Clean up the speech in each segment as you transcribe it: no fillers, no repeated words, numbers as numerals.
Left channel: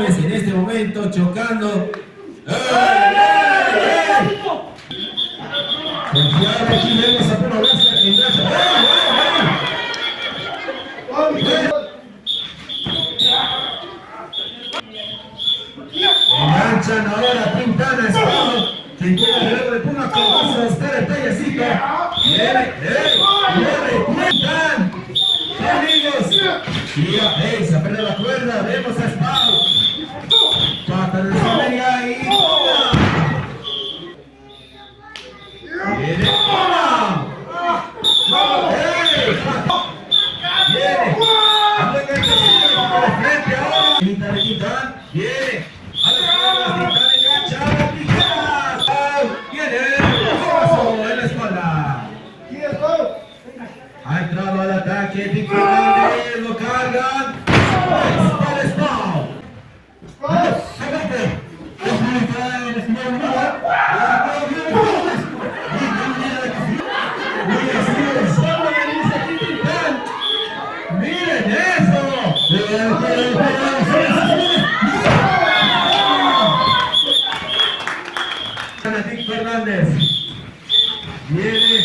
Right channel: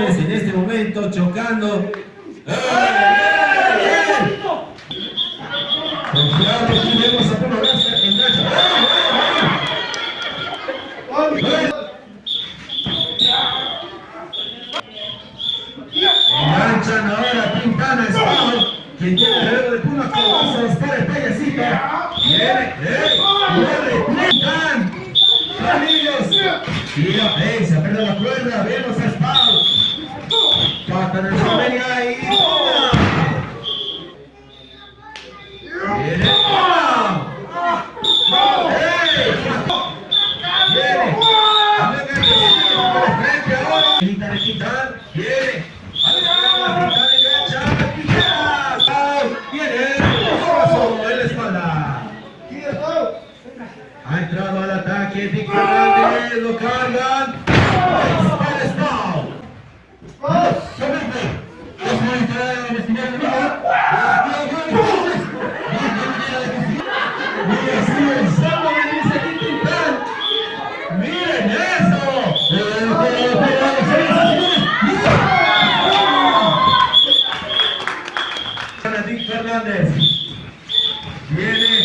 En este momento chocando. Confiable, aquí vemos a Pedro Lasca en enganchan ahora Pintana, Espino, quien tiene el dedo de Puma Cabazos, para Tallecita. Viene, Pintan. Tira, se aprieta la cuerda, vemos a Espino. Pata de Sabelia y Puma. Viene Puma. Viene. Lo que hay que hacer por el frente ahora. Pintan de Pintan. Viene. Pintan engancha. Pintan. Viene. En la espalda. Ha entrado al ataque. Pintan. Lo cargan. El spawn. Miren eso. Víctor Hernández. Viene.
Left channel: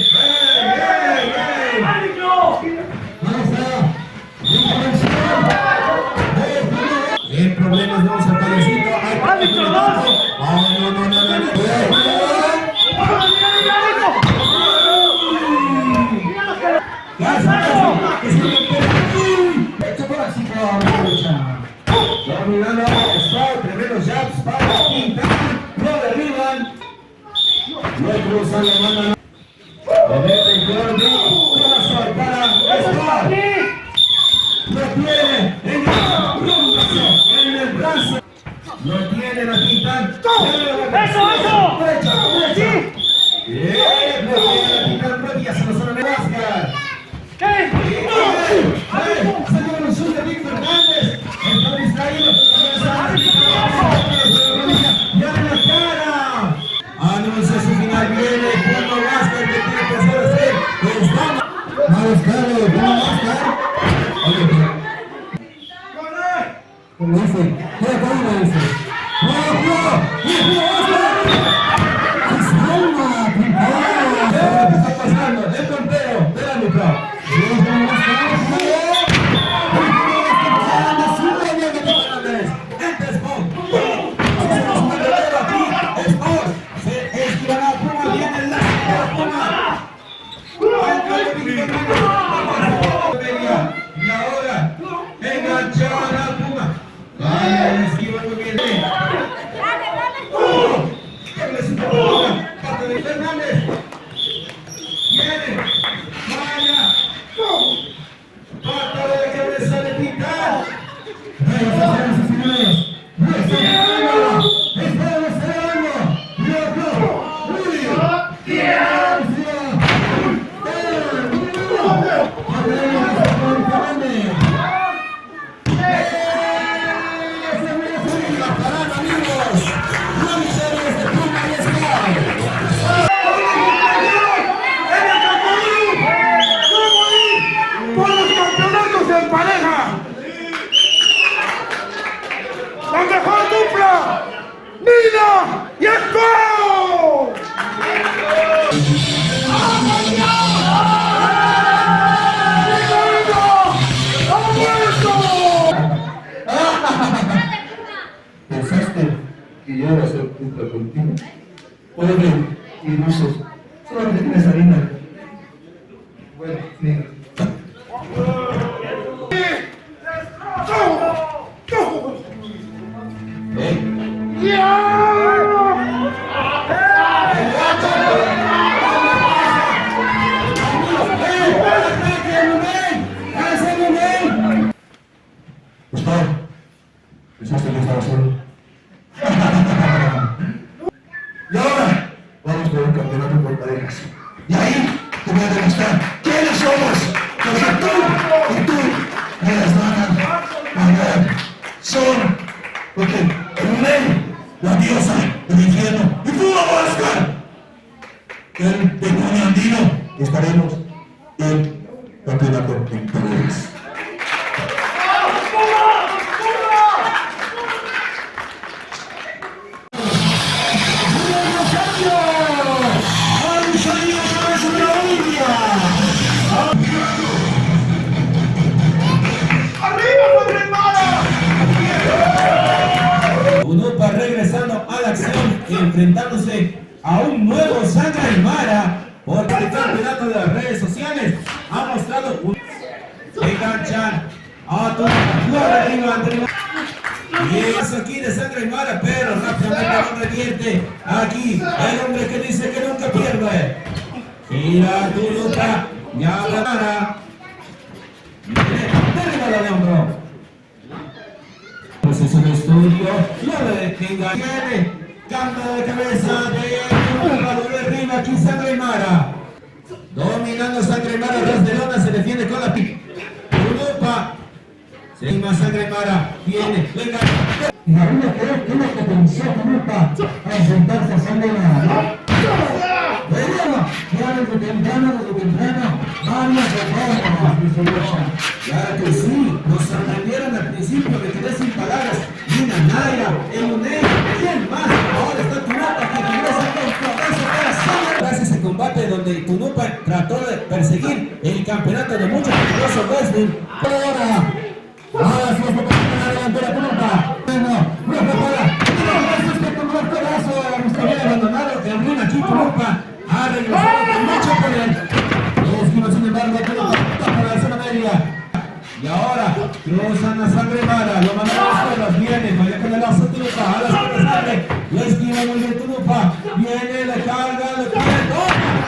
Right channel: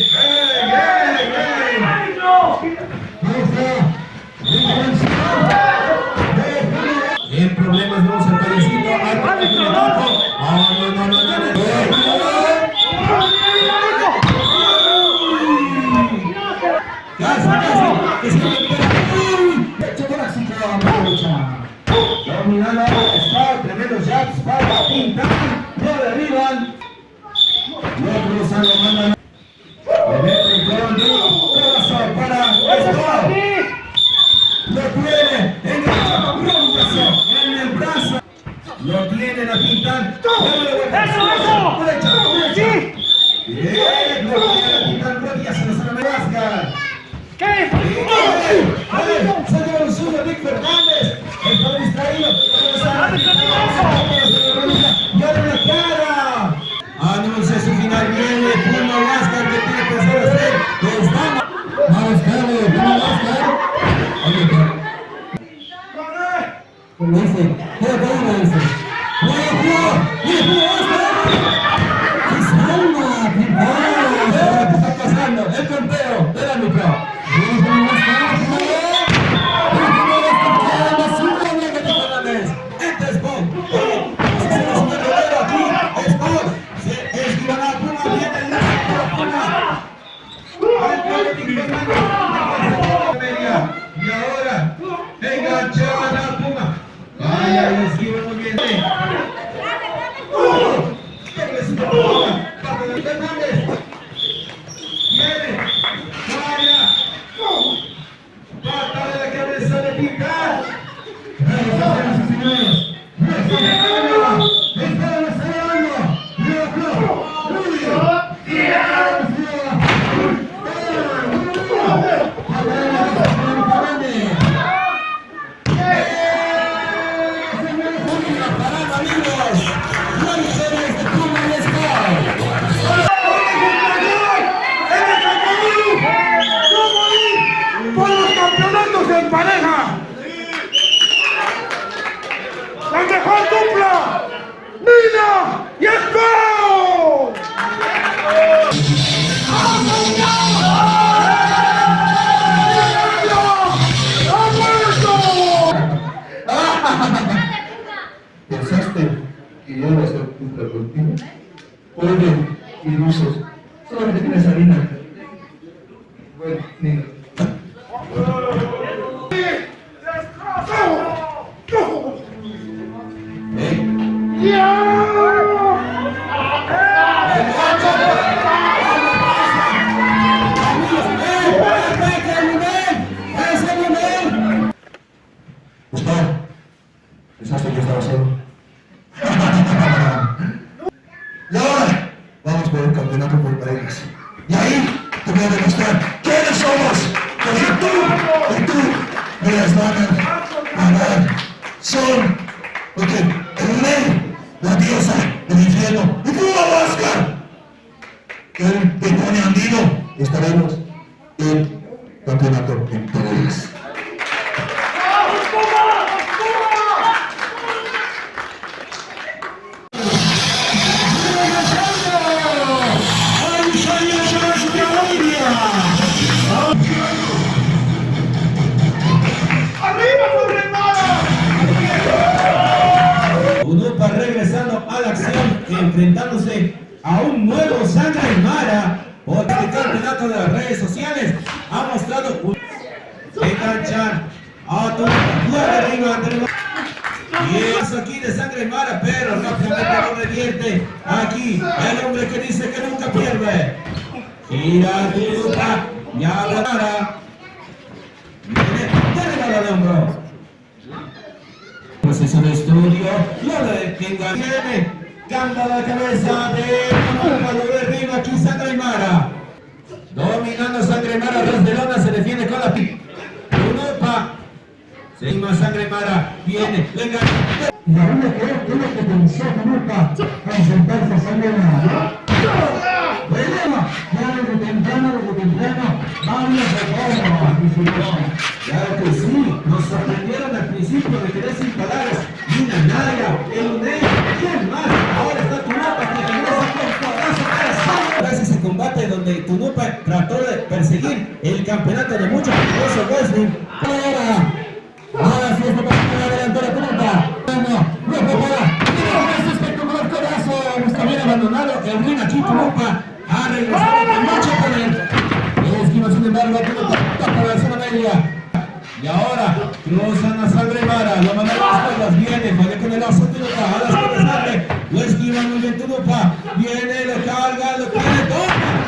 En problemas vamos al Tallecito. Dominando Spark, tremendo jab, Spark, Pintan, no derriban. No cruzan, lo mandan. Le meten con corazón para Spark. Lo tiene en el brazo. Lo tienen a Pintan. ¡Eso! ¡Derecha! Bien, lo tiene a Pintan, rodillas en la zona de Vázquez. ¿Qué? Saca el suyo Víctor Hernández. Está distraído. Y abre la cara. Anuncia su final. Viene Puma Vázquez que tiene que hacer. Vamos, Carlos. Puma Vázquez. Oye, ¿cómo dice? ¿Cómo dice? ¿Qué está pasando? El conteo. Espérame, bro. Y ahora enganchó a la Puma. Vaya, el esquivo muy bien. Parte de Fernández. Viene. Vaya. Pata de la cabeza de Pintan. En pareja, la mejor dupla, Nina y Espino. ¿Pensaste que yo iba a ser dupla contigo? Oye, y dices, solamente tienes harina. Bueno, mira. piernas. Y ahí te voy a demostrar quiénes somos. Porque tú me las van a dar. Son, porque el rey, la diosa, el infierno, y tú, Oscar, el demonio andino, estaremos en campeonato en parejas. Tunupa regresando a la acción, enfrentándose a un nuevo Sangre Aymara por el campeonato de las redes sociales. Ha mostrado un enganchan a Tunupa, lo derriba ante el... Y eso aquí de Sangre Aymara, pero rápidamente lo revierte. Aquí el hombre que dice que nunca pierde. Mira Tunupa, ya ganará. Derriba el hombro. Pues es el estudio, lo de que viene, canta la cabeza de Tunupa, lo derriba aquí Sangre Aymara. Dominando Sangre Aymara desde lona, se defiende con la Tunupa. Seguimos Sangre Aymara, viene, venga. Y la única que pensó Tunupa a enfrentarse a Sangre Aymara. Bueno, ya desde temprano, varias reformas. Claro que sí, nos sorprendieron al principio de quedar sin palabras. Mira, Naya, el UNED, ¿quién más? Ahora está Tunupa que regresa con codazo para tras ese combate donde Tunupa trató de perseguir el campeonato de muchos peligrosos wrestling. Ahora sí está pasando la delantera Tunupa. Bueno, no prepara. Ese espectacular codazo, nos había abandonado el buen aquí Tunupa. Ha regresado con mucho poder. El esquino, sin embargo, Tunupa toca la zona media. Y ahora cruzan a Sangre Aymara, lo mandan a las cuerdas, viene, falla con el lazo Tunupa, a las cuerdas sale, lo esquiva muy bien Tunupa, viene, le carga, le pone todo,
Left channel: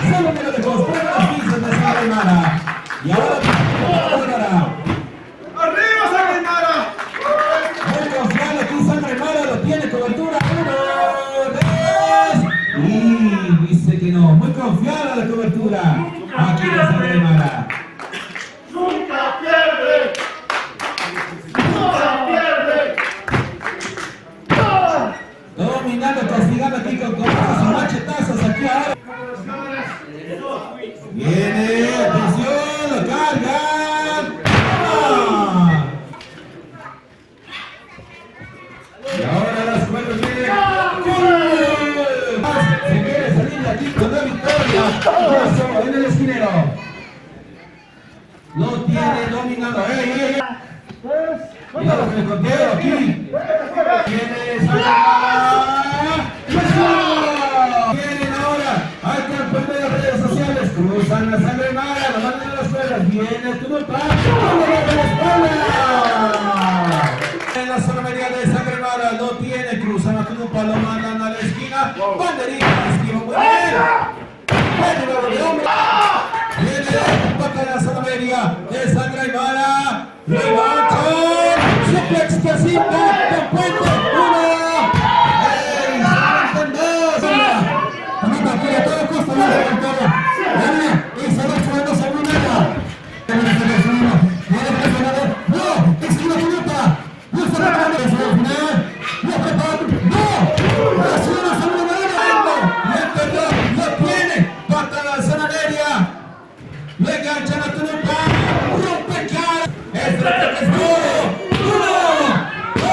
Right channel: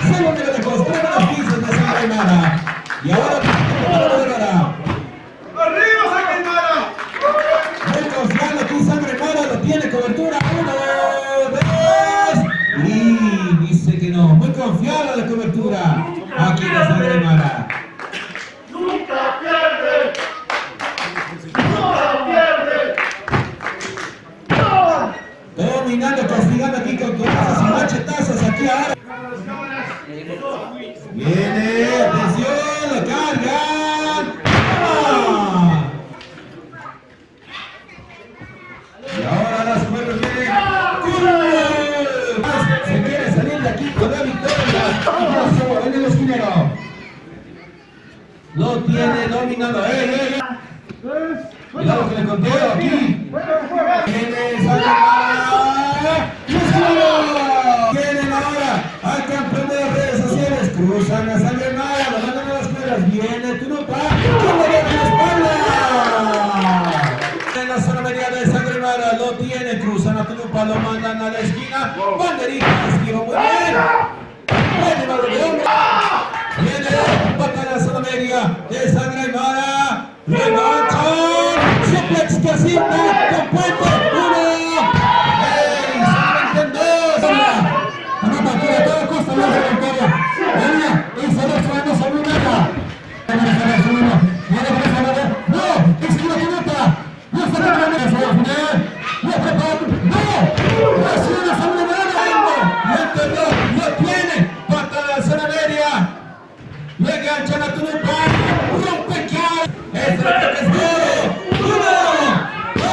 solo debe de construir las piezas de Sangre Aymara. Y ahora Tunupa. ¡Arriba, Sangre Aymara! Muy confiado aquí Sangre Aymara, lo tiene cobertura, 1, 2, y dice que no, muy confiada la cobertura, aquí la Sangre Aymara. ¡Nunca pierde! ¡Nunca pierde! Dominando, castigando aquí con codazos y machetazos aquí ahora. Viene, atención, lo cargan. ¡Ah! Y ahora las cuerdas vienen. Se quiere salir de aquí con la victoria. Brazo en el esquinero. Lo tiene dominando. ¡Ey! Cuidado que le contiene aquí. Viene Sangre Aymara. Vienen ahora al campeón de las redes sociales. Cruzan a Sangre Aymara, lo mandan a las cuerdas. Viene Tunupa. ¡Con la espalda! En la zona media de Sangre Aymara lo tiene. Cruzan a Tunupa, lo mandan a la esquina. Banderita, esquiva muy bien. Viene el balón de hombro. Viene, pata en la zona media de Sangre Aymara. Levantan, suplex casita, con puente, 1. ¡Ey! ¡Solamente 2! Tunupa quiere a toda costa la delantera. Y se va echando sobre una meta. ¡No! ¡Esquiva Tunupa! ¡No está tratando de su final! ¡No prepara! ¡No! ¡Recibe sobre una meta! ¡Lo enterró! ¡Lo tiene! ¡Pata en la zona media! ¡Le enganchan a Tunupa! ¡Rompe cara! ¡Es duro! 1, 2,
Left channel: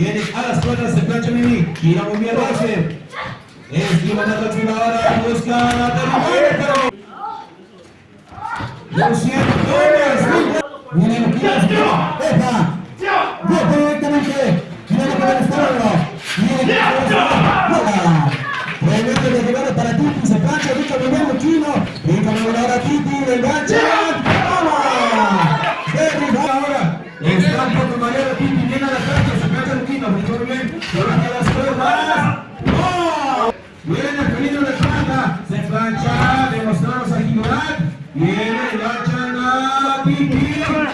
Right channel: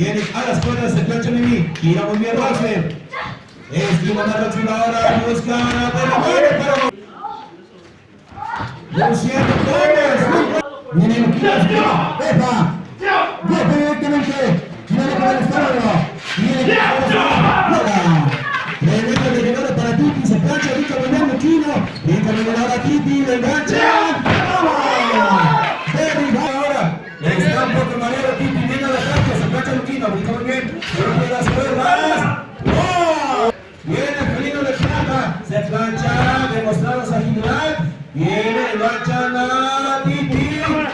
Viene a las cuerdas, se plancha Mimi. Gira muy bien Roxy. Esquiva la Roxy ahora. Busca la tercera para Luciano Torres. Viene el kiosco. ¡Epa! ¡Bien directamente! ¡Viene con el estado! ¡Viene con el tremendo de llegada para Titi, se plancha, rica Guillermo Quino, rica nivelada Titi, le enganchan, ¡vamos! ¡Derriba ahora! Están por mareado Titi, viene a la plancha, se plancha Luquino, muy bien, levanta las cuerdas, ¡wow! Viene el felino de plata, se plancha, demostramos agilidad, viene, enganchan a Titi, ven.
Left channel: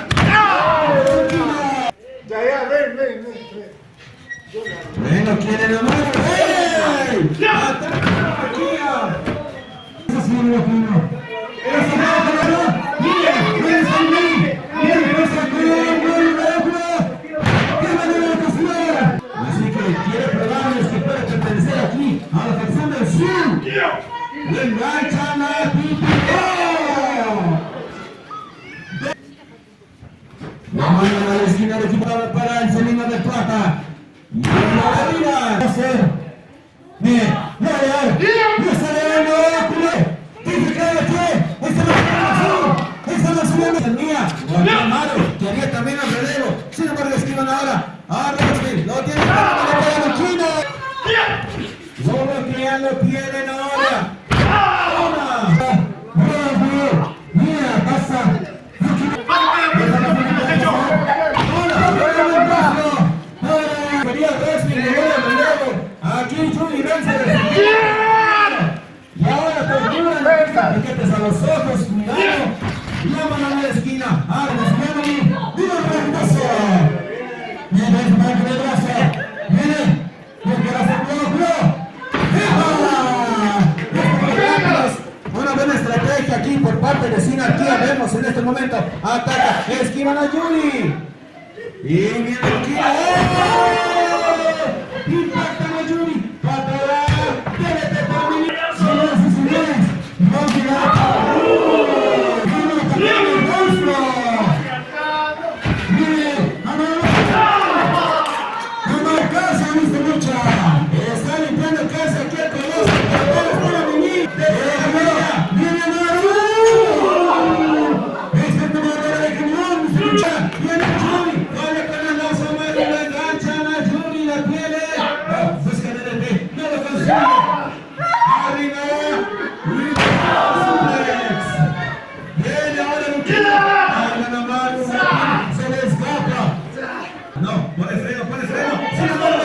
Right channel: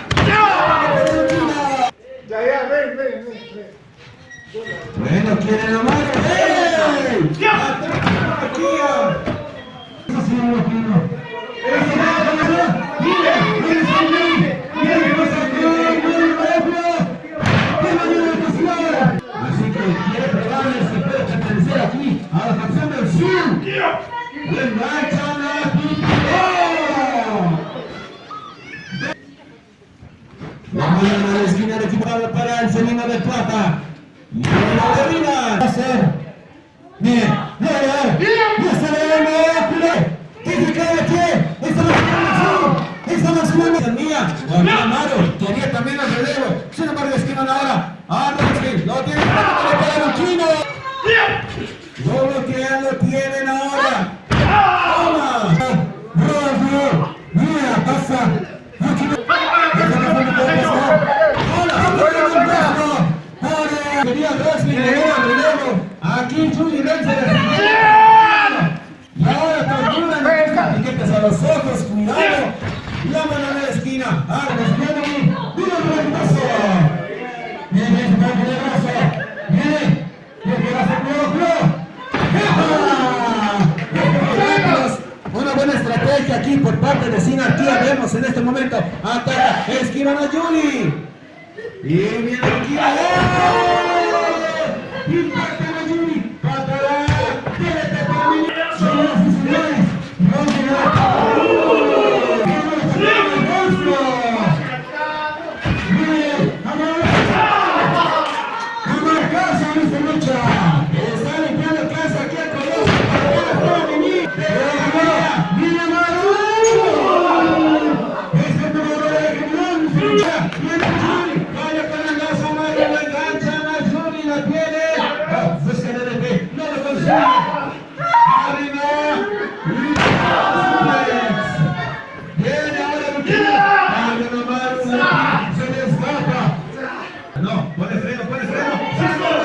bueno, quiere la mano, ¡hey! ¡Ataca aquí! ¡Eso sí, Luquino! ¡Eso no! ¡Mira! ¡Mira, Sammy! ¡Mira, lo sacó! ¡Qué manera de cocinar! Así que quiere probarles que puede pertenecer aquí a la facción del sur. ¡Le enganchan a Titi! La mano de la esquina de equipada para el Celino de Plata. ¡Y la domina! ¡Hacer! ¡Bien! ¡Ya sale el culé! ¡Titi cae de pie! ¡Esta no es una mía! ¡Guardia Amaro! Que haría también el relevo. Sin embargo, esquivan ahora. ¡Arroxy! ¡Lo tiene para Luquino! ¡Solo que ya lo tienen ahora! ¡Toma! ¡Bravo! ¡Mira! ¡Pasa! Quería Roxy, aquí Juli vence y ahora torturan piquetes a los ojos, cuidado, la mano en la esquina, armas, mano, ¡mira hermoso! Viene el hermoso, viene, una buena estrategia aquí por parte de Sinarquía, vemos en este momento, ataca, esquivan a Juli, y viene aquí, impacta a Juli, patada, déjate para mí, señoras y señores, no casa, Mr. Lucha, está limpiando casa aquí a Coloso, viene a Maru, este peleador de criminal, Mr. Lucha, viene Juli, vale con el lazo a Maru, le enganchan a Juli, la tiene, busca de DT, no lo consigue, arriba, viene ahora Lucha, hablan a Maru, se le escapa, no, pone freno, sin embargo,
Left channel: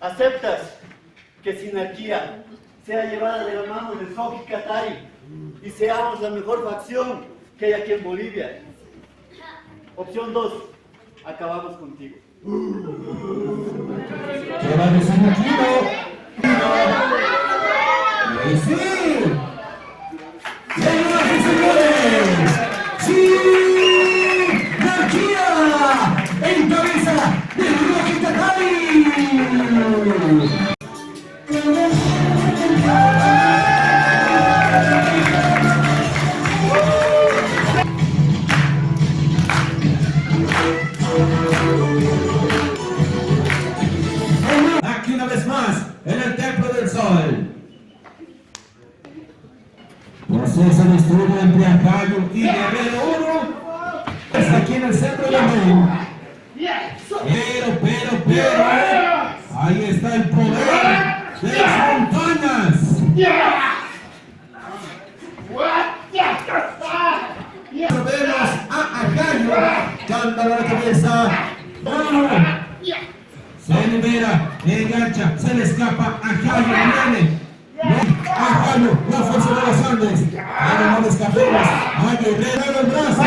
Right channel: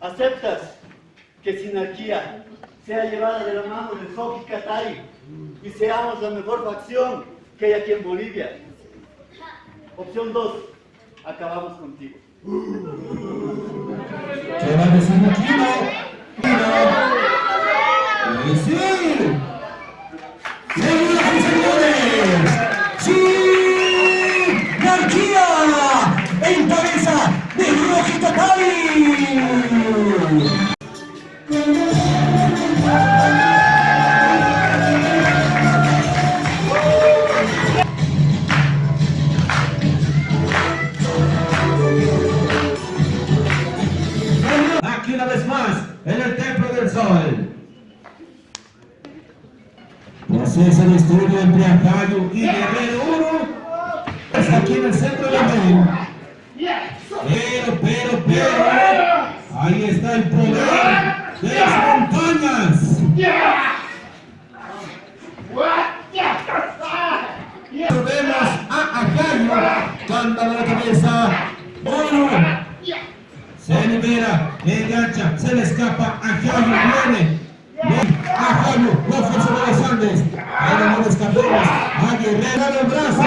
¿Aceptas que Sinarquía sea llevada de la mano de Soki Katari y seamos la mejor facción que hay aquí en Bolivia? Opción 2, acabamos contigo. ¿Qué va a decir ¡y sí! ¡Señoras y señores! ¡Sí! ¡Narquía! ¡En cabeza de Rocky Katari! Se distribuye entre Ajayo y Guerrero 1. Está aquí en el centro de la red. Pero, ahí está el poder de las montañas. Vemos a Ajayo, canta la cabeza. Se libera, engancha, se le escapa. Ajayo viene. Ajayo, la fuerza de los Andes. Ahora no le escapemos. A Guerrero el brazo.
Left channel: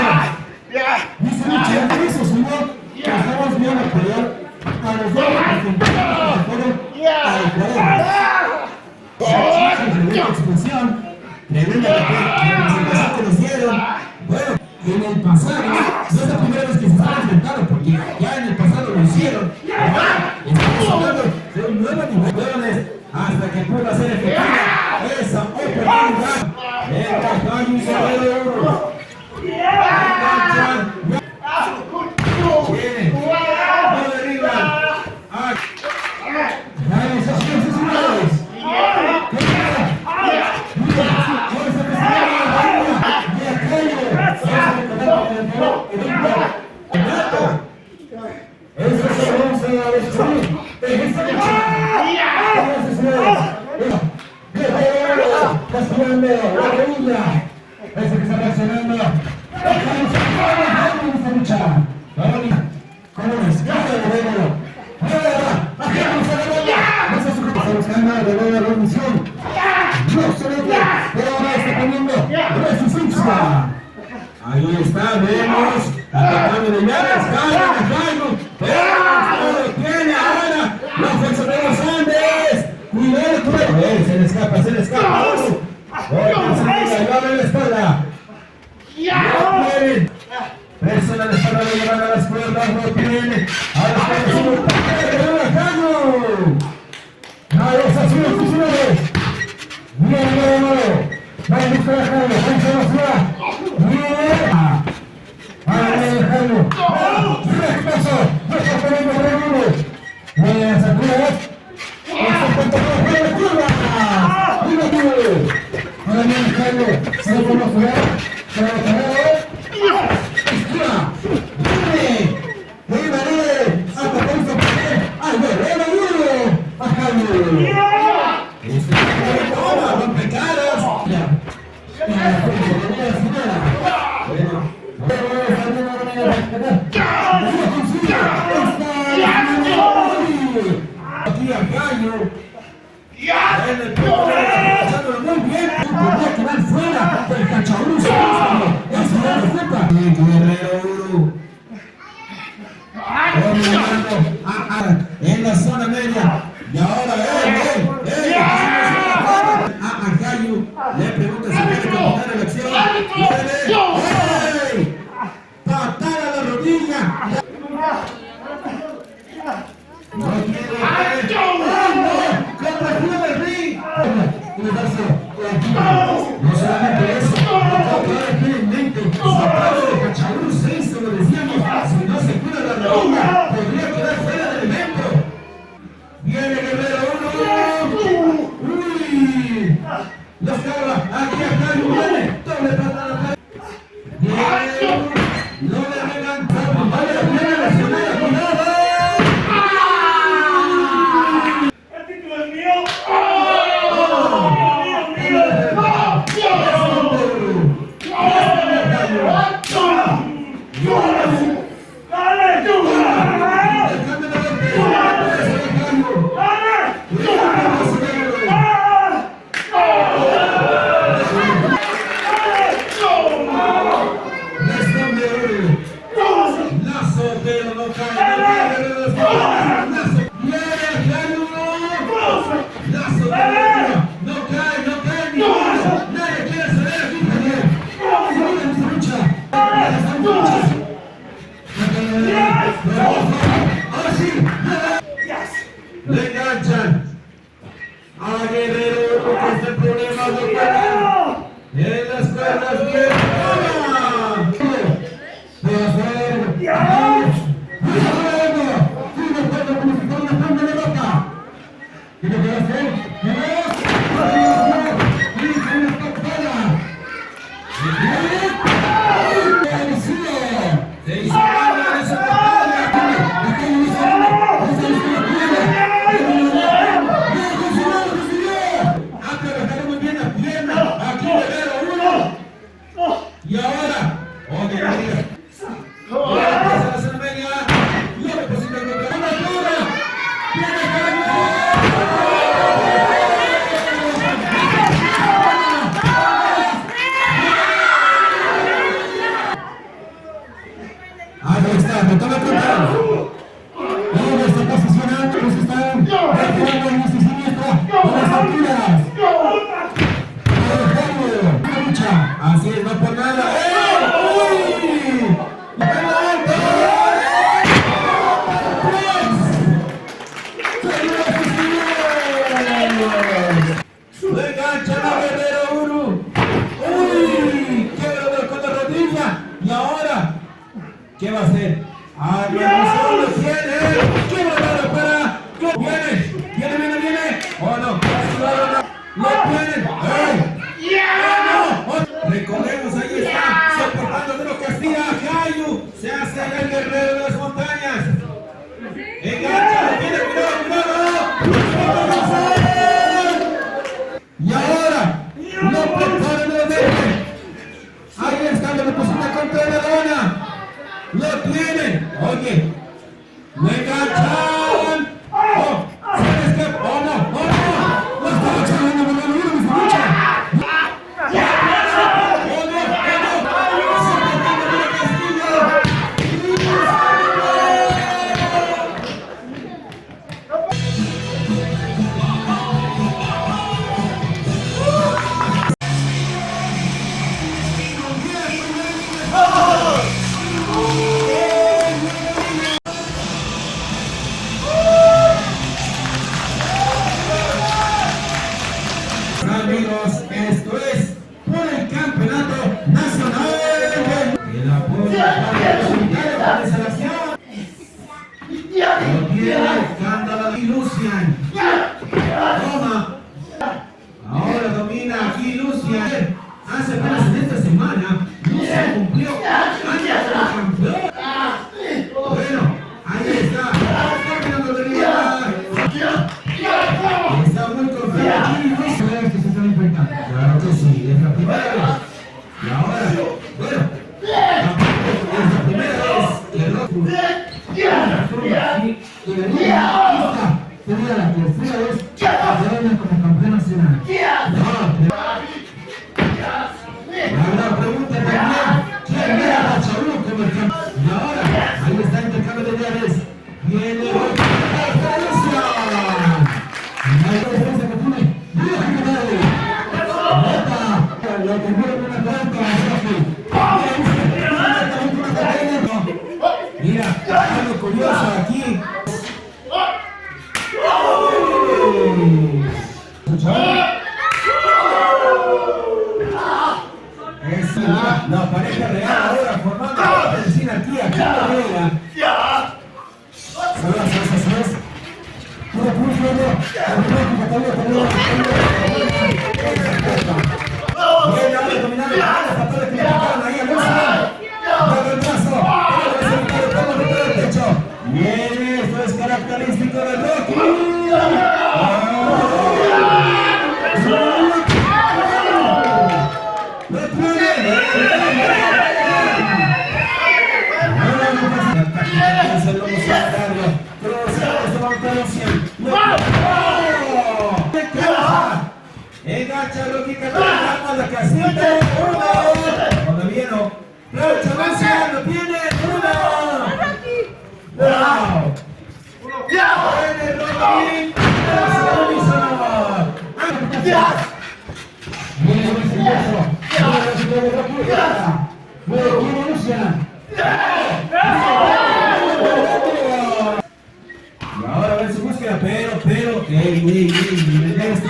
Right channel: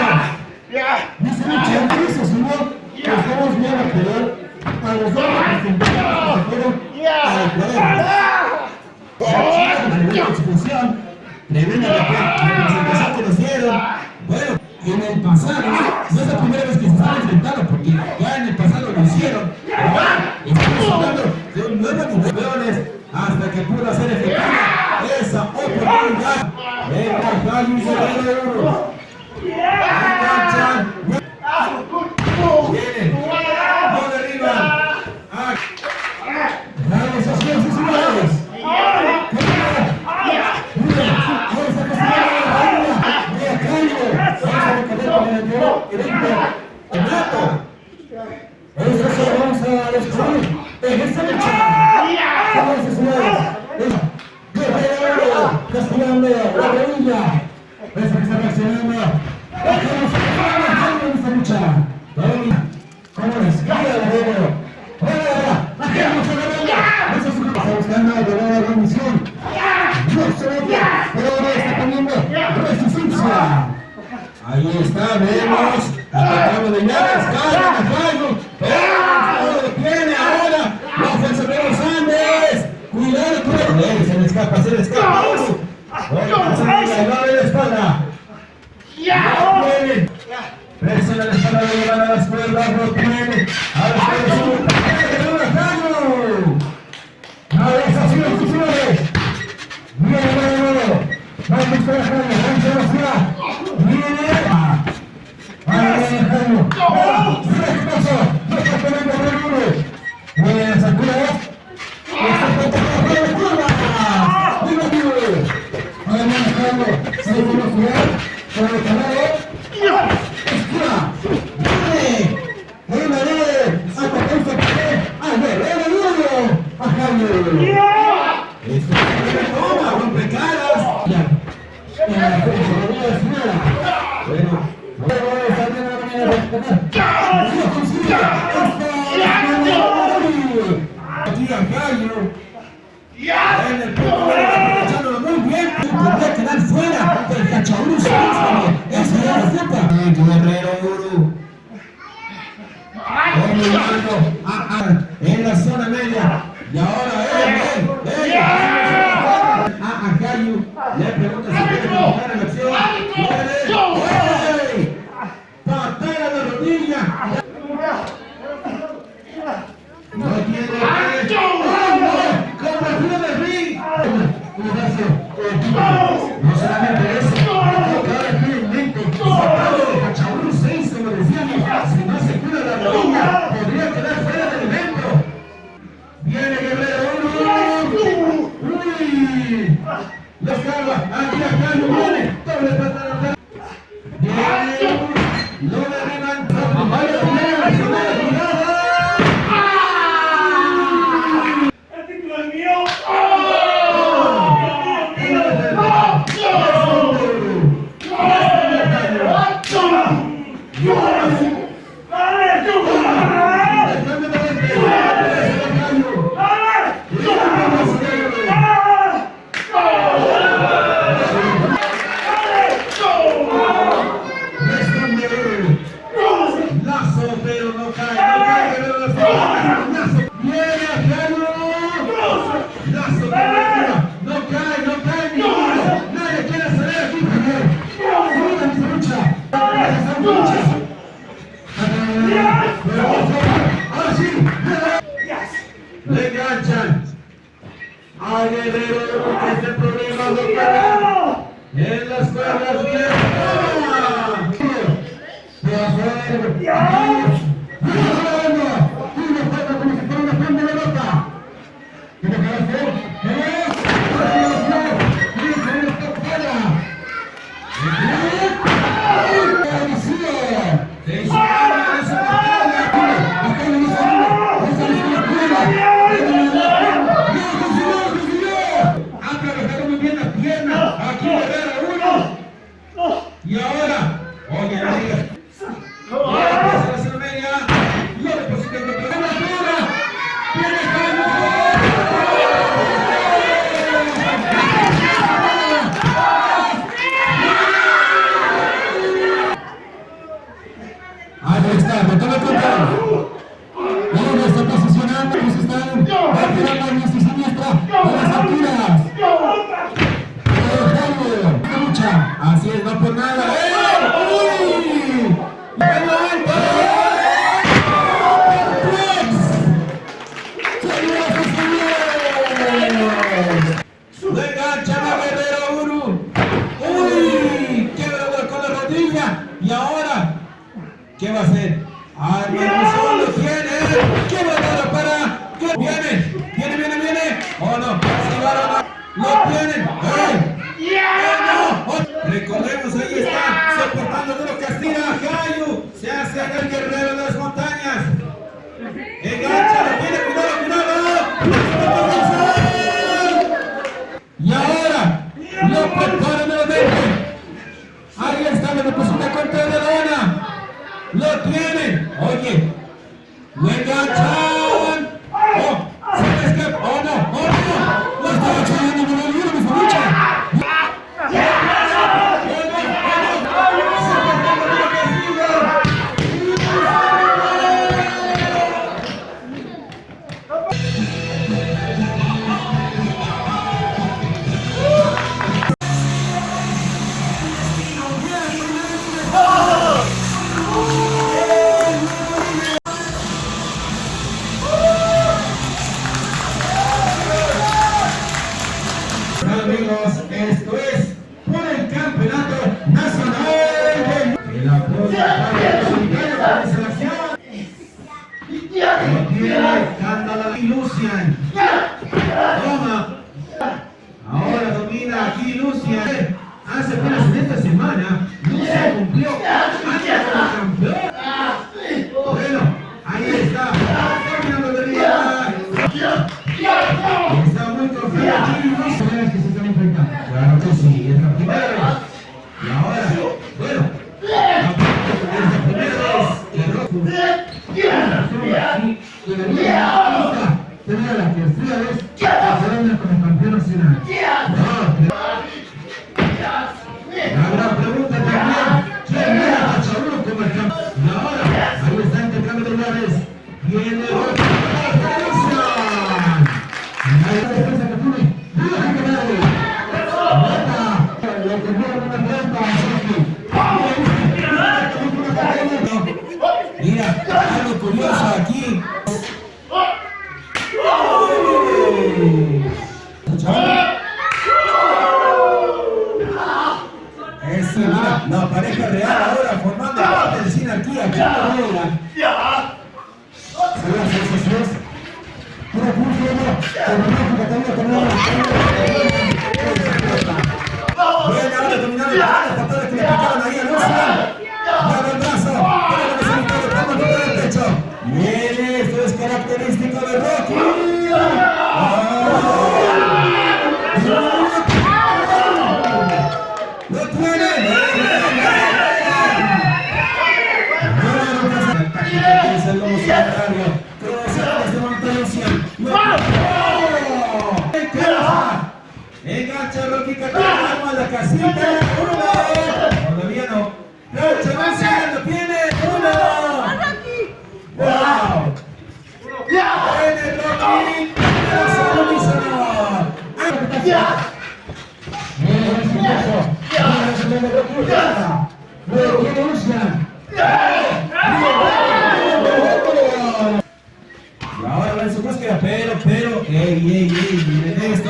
Dice mucho eso, señor. Que estamos viendo pelear a los dos representantes que fueron tremenda expulsión, tremenda representación que nos dieron. Bueno, en el pasado, no es la primera vez que se están enfrentando, porque ya en el pasado lo hicieron. Ahora estamos hablando de un nuevo nivel hasta que pueda ser efectiva esa oportunidad. El Ajayo y Guerrero. No derriban. Ahí está, vemos, atacando de llaves, tiene ahora la fuerza de los Andes. Cuidado, cuidado. Se le escapa, se le escapa. Se le la espalda. Presiona la espalda, lo llevan a las cuerdas, no tiene. Ahora se le sube, a los azules, señores. Viene, vamos a buscar a Jaime, vamos a viene. Aquí Ajayo en el punto muy bien, podría quedar fuera del Cachabruzo. Eso era la culpa. Guerrero en la zona media. Y ahora a Ajayo le pregunta si puede continuar la acción. Patada de rodilla. No solamente eso, ahora tiene en mente sacado de Cachabruzo 6, como decíamos, si no se cuida la rodilla, podría quedar fuera del evento. Viene Guerrero 1. Uy, los carga, aquí Ajayo viene, doble patada acá. Viene, no le arriban, vaya, viene la segunda jugada. Le enganchan a Guerrero, porque es el problema, doctor. En las cuerdas, bien. De afuera. lo tienen. Recordemos, ahí está, soportando de los Castilla, Cayu, se hace el guerrero de las montañas. Engancha, lo tiene, cuidado. Y ahora, lo prepara nuevamente. Ahí está, le deposita contra la dona. Lo tienen. Oye, lo enganchan. Oh, se escapa. Oh, no. Lo está echando, no, mi lucha. Amigos, esto es por el campeonato nacional de la Policía de Selección. Lo tiene Cándala y Lucian. Toma. Ahora domina aquí Lucian. Hace apenas en esta semana Lucian cumplió campeón. Bueno, ahí está. Está mirando de vida. Está muy confiado aquí. Claro que sí, es la primera vez. Y ahora, bueno, es la primera vez que Roku tenía la tercera vez que se como campeón nacional. La pregunta también, ¿quién era Chabulo como el campeón? Y ahora, ahí está intercambio de llaves. Viene Roku. Mira, algo curioso aquí. Es la pareja real ahora formando parte de Sinarquía. Viene ahora dominando la bala, está todo el que le picaron ahí al Lucian. Luego el brazo, toma el pecho. Viene, esto es característico de Rocky. ¡Lo tiene! La táctica es el lobo solitario. Cruzamos de Monta Lucian. Engancha Rocky Catalán, arma la casita. Todavía no. Plancha Lucian, lo tiene. ¡Wow! ¡Viene Rocky! ¡Viene Lucian! Y ahora ven su búsqueda, pero, miren esto.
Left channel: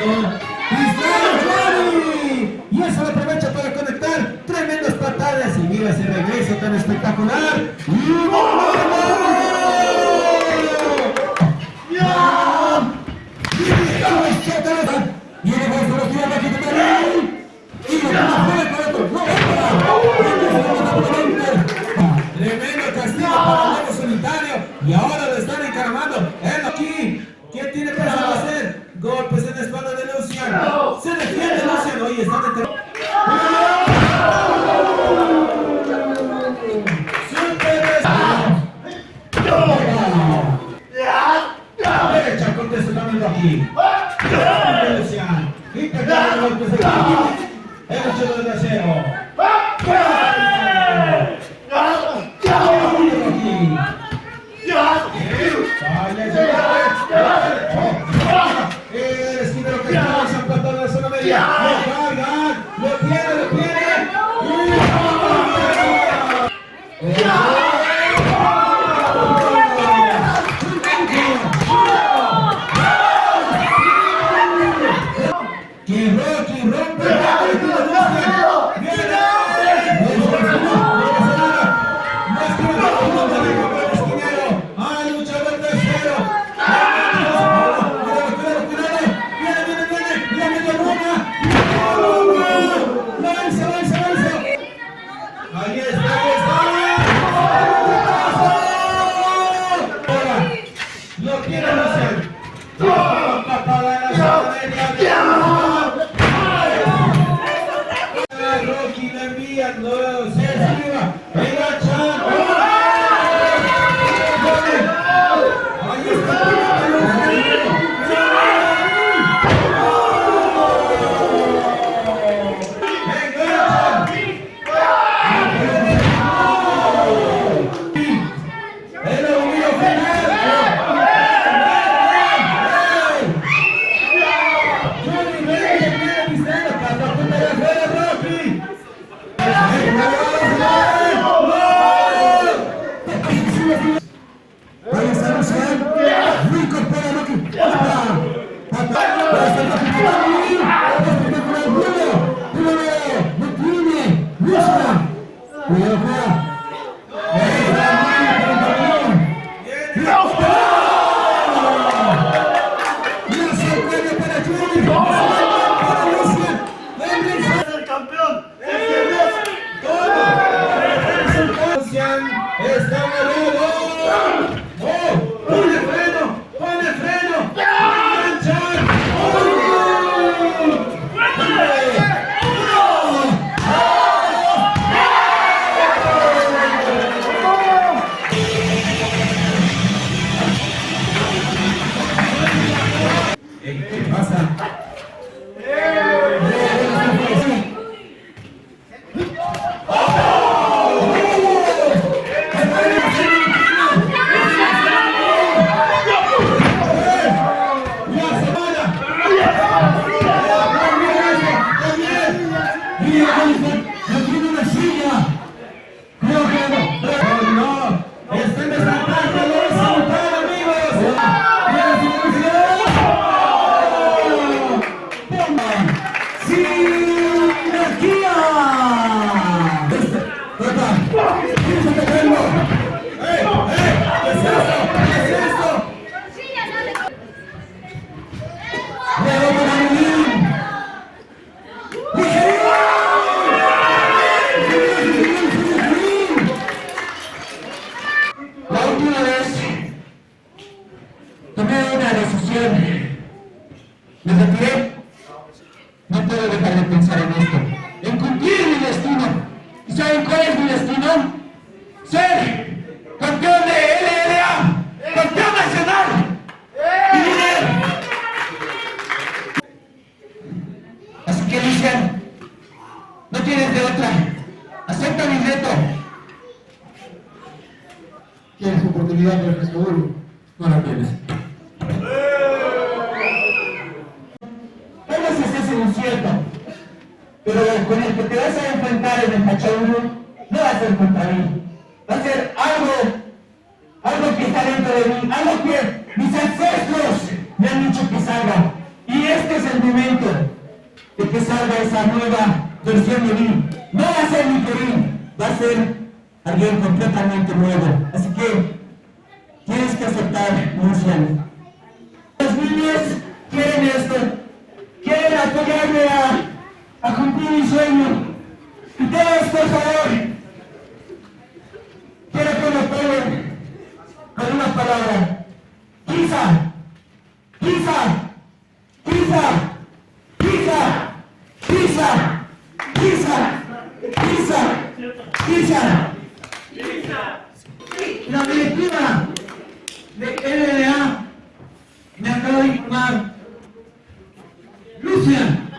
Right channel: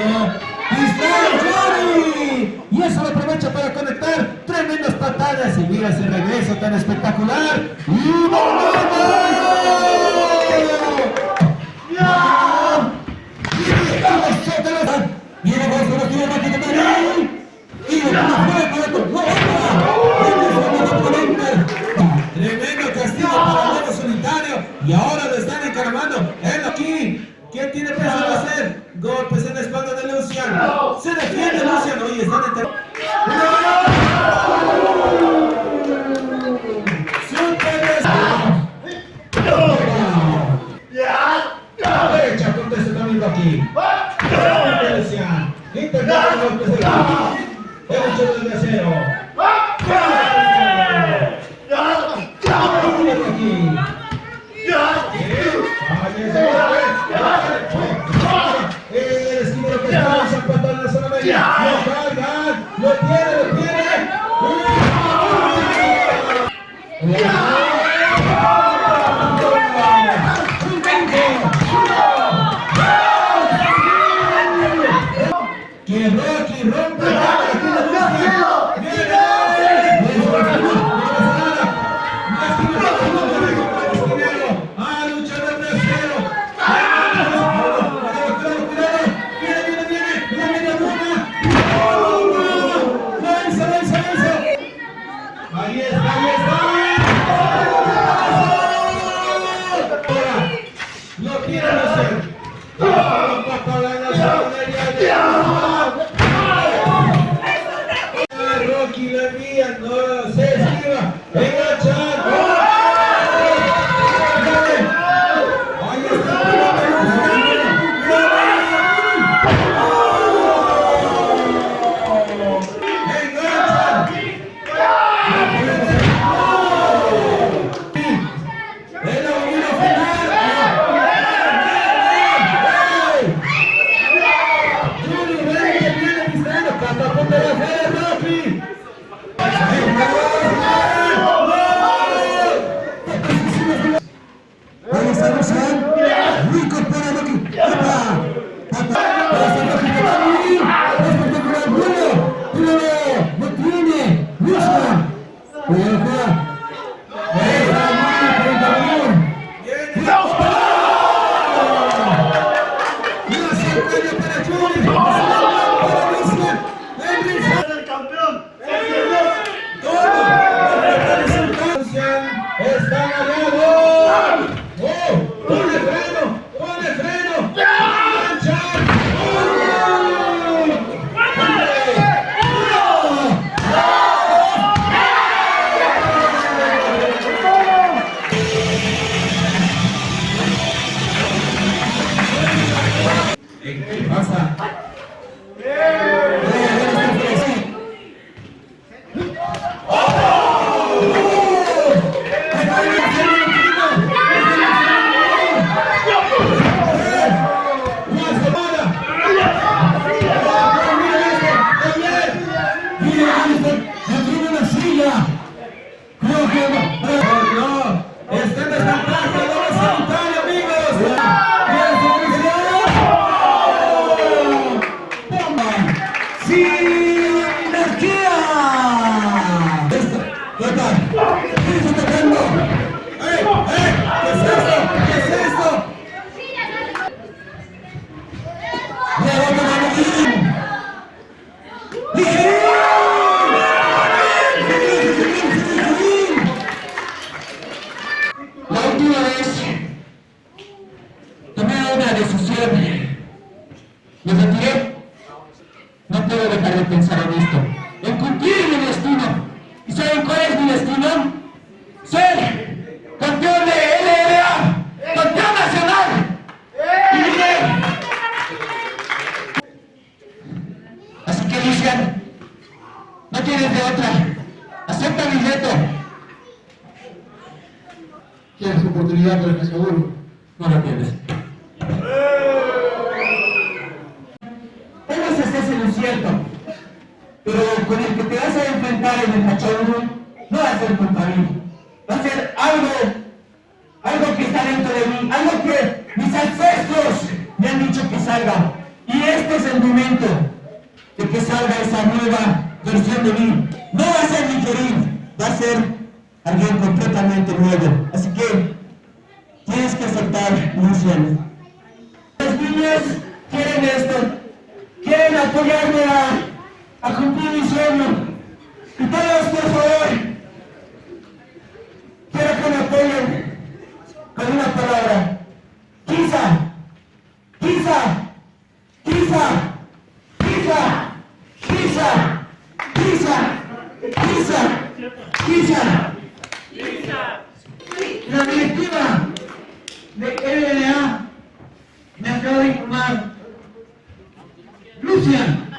¡Johnny! Y eso le aprovecha para conectar tremendas patadas. Y mira ese regreso tan espectacular. ¡Y tremendo castigo para el lobo solitario. Y ahora lo están encaramando. Él aquí. ¿Quién tiene pensado hacer? Golpes en la espalda de Lucian. Se defiende Lucian. Oye, están enterando. Derecha, contesta también aquí. Lucian. Intentando golpes de aquí. El 8 de acero. Lo tiene. Que Rocky rompe el luchador tercero. quieren hacer. Rocky la envía, no se esquiva. Venga, Chan. Ahí estamos, reincorpora Rocky. No tiene, busca. ¡Es el campeón! Está mareado. ¡Oh! ¡Ponle freno! ¡Ponle freno! ¡Chan! ¿Qué pasa? No tiene una silla. Creo que no. No, este es el traje de resultado, amigos. ¡Sinarquía! ¿Quién está atacando? ¿Qué es esto? ¿Qué es esto? La última vez tomé una decisión. Me retiré. No puedo dejar de pensar en esto, en cumplir mi destino. ¿Y saben cuál es mi destino? Ser campeón de LLA, campeón nacional. Y diré. Así que Lucian, no tienes de otra. Acepta mi reto. ¿Tienes oportunidad para el pescador? No la tienes. Tal vez estés en lo cierto, pero con el que te vas a enfrentar en el cachorro no va a ser contra mí. Va a ser algo que está dentro de mí, algo que mis ancestros me han dicho que salga. Y este es el momento de que salga esa nueva versión de mí. No va a ser mi Kerim, va a ser alguien completamente nuevo. Así que tienes que aceptar, Lucian. Los niños quieren esto, quieren apoyarme a cumplir mi sueño. Y todos, por favor, quiero que me apoyen con una palabra. Quizá, quizá, quizá, quizá, quizá, quizá, quizá, quizá. La directiva de LLA me acaba de informar. Lucian,